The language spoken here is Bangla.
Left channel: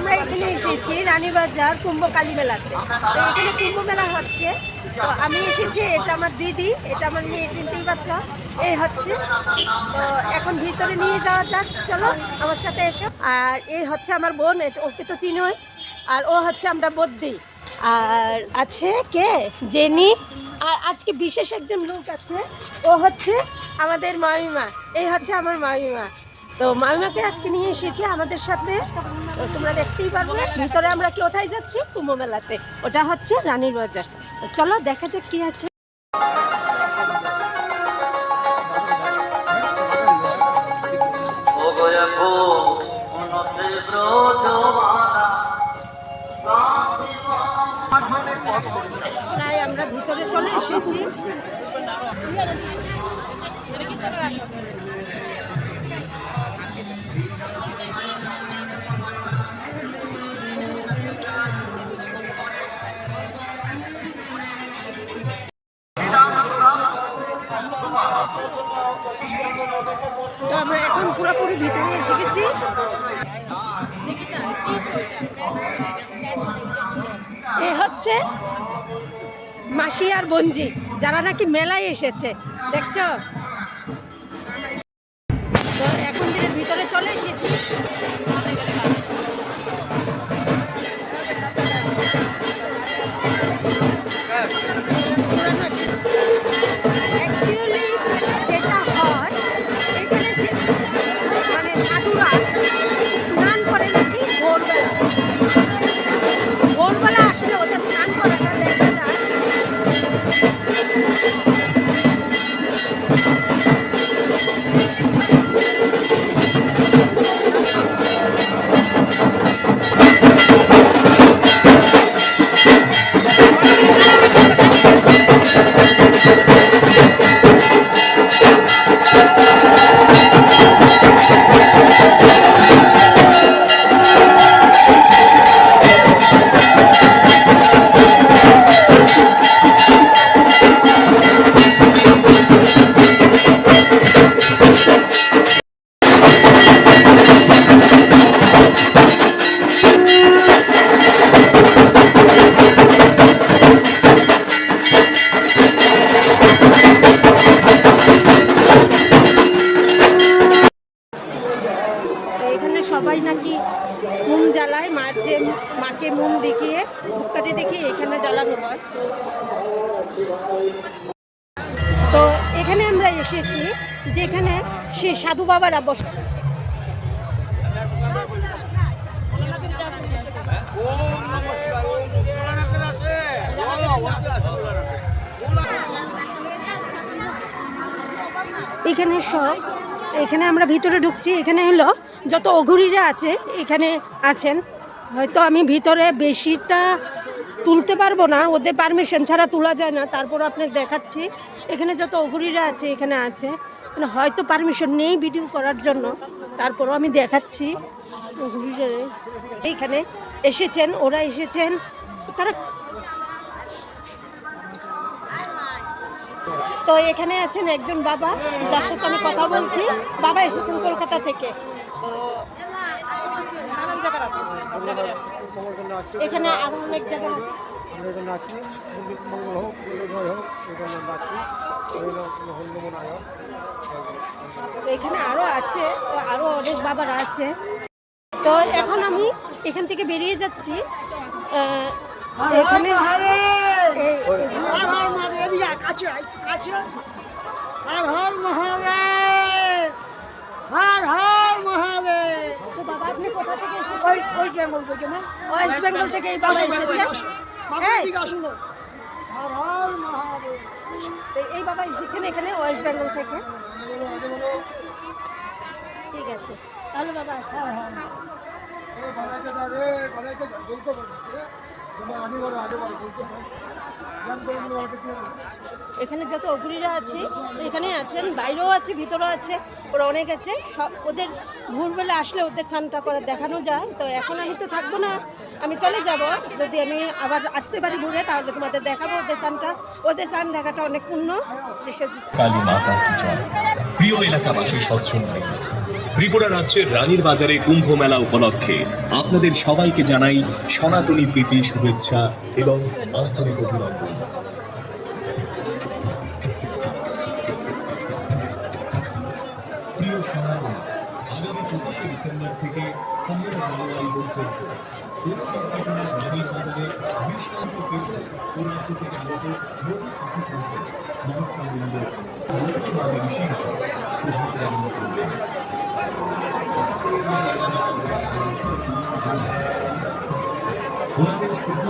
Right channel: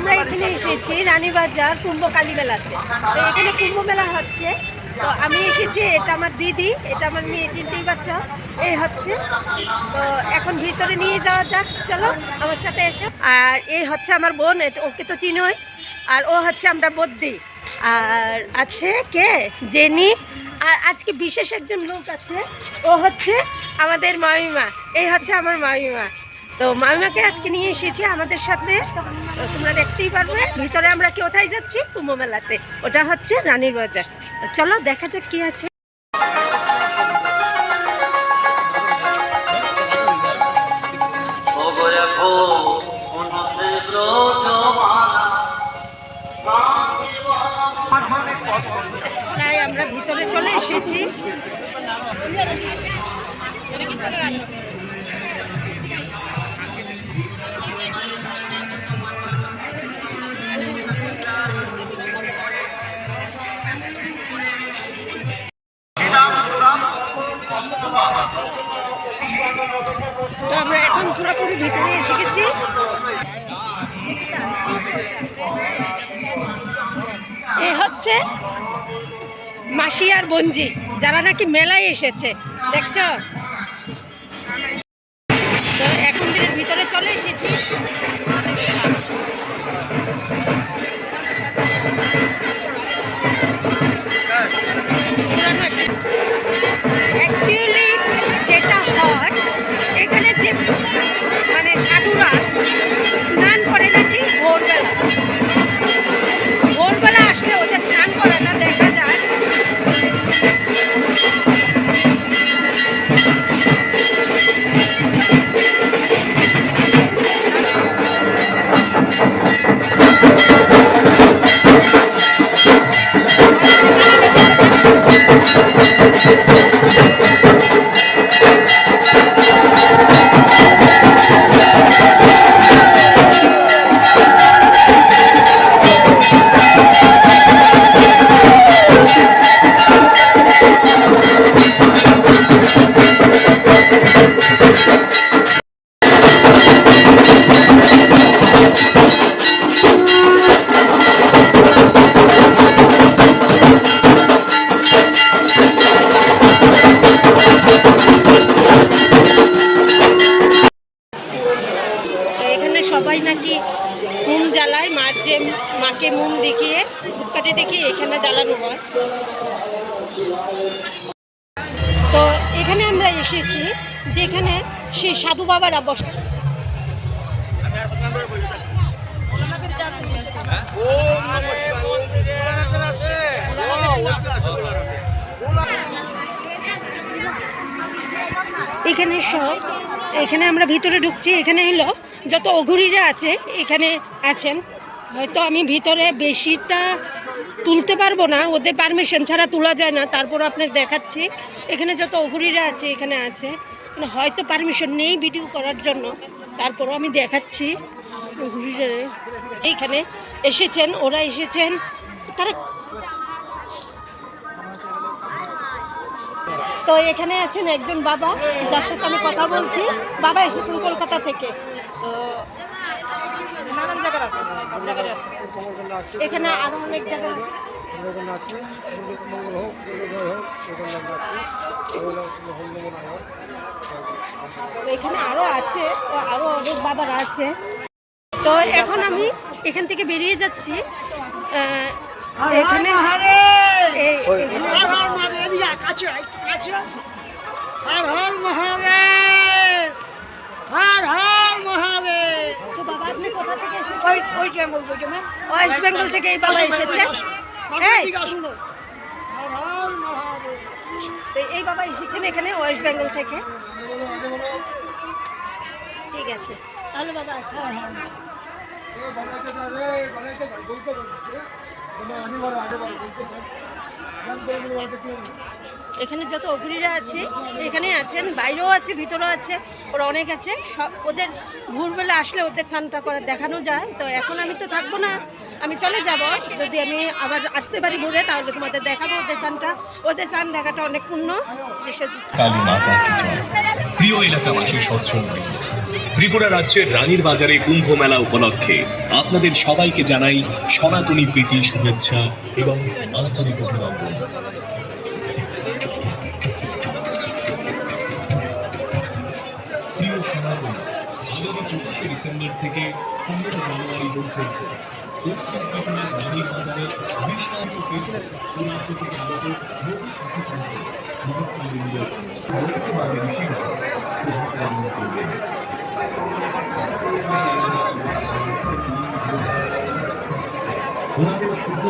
আমরা এখানে এসেছি রানীবাজার কুম্ভ কালী মেলাতে। তো এখানে কুম্ভ মেলা হচ্ছে, তো আমি এসেছি, এটা আমার দিদি, এটা আমার মেয়ে, চিনতেই পারছো, এই হচ্ছে। তো এখন ভিতরে নিয়ে যাওয়া যাক, চলো আমার সাথে এসো। আর এই হচ্ছে আমার বোন, ওকে তো চিনোই, আর ও হচ্ছে আমরা বদ্দি। আর আছে কে জেনি, আর আজকে বিশেষ একজন লোক আছে, ও হচ্ছে আমাদের মামিমা, এই হচ্ছে আমার মামিমা। তো মামিমাকে আজকে নিয়ে এসেছি আমাদের সাথে। তো তোমরা দেখতেই পারবে ভিতরে আমরা কোথায় যাচ্ছি, কুম্ভ মেলাতে, ওটা হচ্ছে রানীর বাজার। চলো দেখা যাক কি আছে। প্রায় আমরা ভিতরে চলে এসেছি। তো আমরা এখন পুরোপুরি ভিতরে এসে গেছি। এ হচ্ছে মাসি আর বঞ্জি, যারা নাকি মেলায় এসেছে, দেখছো। তো এখন দিনের ভিতরে চলে এসেছি। অ্যাকচুয়ালি যেটা হয় এখানে, যে মানে সাধুরা স্নান করে নাকি ভোরবেলা, ভোরবেলা আসলে ওদের স্নান করাটা দেখা যায়। সবাই নাকি মোম জ্বালায়, মাকে মোম দেখিয়ে, ধূপকাঠি দেখিয়ে এখানে জ্বালানো হয়। তো এখানে আমরা এসেছি যেখানে সেই সাধু বাবারা বসে। এখানে সব, এখানে আমরা ভিতরে ঢুকছি, এখানে হলো যত অঘুরীরা আছে এখানে আছেন। হয়তো আমি ভিতরে বেশিটা তুলতে পারবো না, ওদের পারমিশন ছাড়া তোলা যায় না, তারপর আপনার দেখাচ্ছি। এখানে যত অঘুরীরা আছে এখানে আছে, মানে হয়তো পারমিশন নেই ভিডিও করার জন্য, তারপরও আমি দেখাচ্ছি। অঘুরীরা এইখানে এসেছেন, ওরা এসেছেন, তারা। তো এখানে আছেন একজন বাবা, যার সাথে আমি কথা বলছি। বাবা এসেছেন কলকাতা থেকে। তো এখানে আরো অনেক জায়গা আছে। এখানে আরো আছে, আরো অনেক বাবারা আছে। তো এখন আমি এখান থেকে বেরিয়ে যাচ্ছি। এখানে তো বাবা আপনি কোথা থেকে এসেছেন? ওয়েস্ট বেঙ্গল থেকে এই বাবা এসেছেন। এই বাবা এসেছেন এখানে ওয়েস্ট বেঙ্গল থেকে। ঠিক আছে তাহলে বাবা। এখানে যত অঘুরীরা আছে এখানে আছেন, বাইরেও আছে, ভিতরেও আছে, ওরা অনেক আছে। ওদের ভোরবেলা আসলে ওদের স্নানটা করে দেখানো যায়। তো এখন আমি তো থাকবো না, আমি চলে যাব। যদি আমি আবার আসতে পারি ঘুরে, তাহলে তোমাদের দেখাবো ওদের স্নানটা। ওদের স্নান দেখাটা অনেক পূর্ণ। কালী মাতা কি জয়। প্রিয় এলাকাবাসী সচ্ছল ত্রিপুরা রাজ্যের রানীর বাজারে কুম্ভ মেলা উপলক্ষে আপনাদের সবাইকে জানাই সনাতনী প্রীতি, শুভেচ্ছা এবং আন্তরিক অভিনন্দন। প্রিয় সনাতনী, আগামী 25শে ডিসেম্বর থেকে 15 জানুয়ারি পর্যন্ত দক্ষিণ ত্রিপুরার রানীর বাজারে বিশাল তীর্থ ও রাজ্য থেকে আগত বহু সাধু সন্ত মহাত্মাবৃন্দ মহাত্মাদের ঋষিগণ শুভাগমন করবেন। ওনাদের শুভ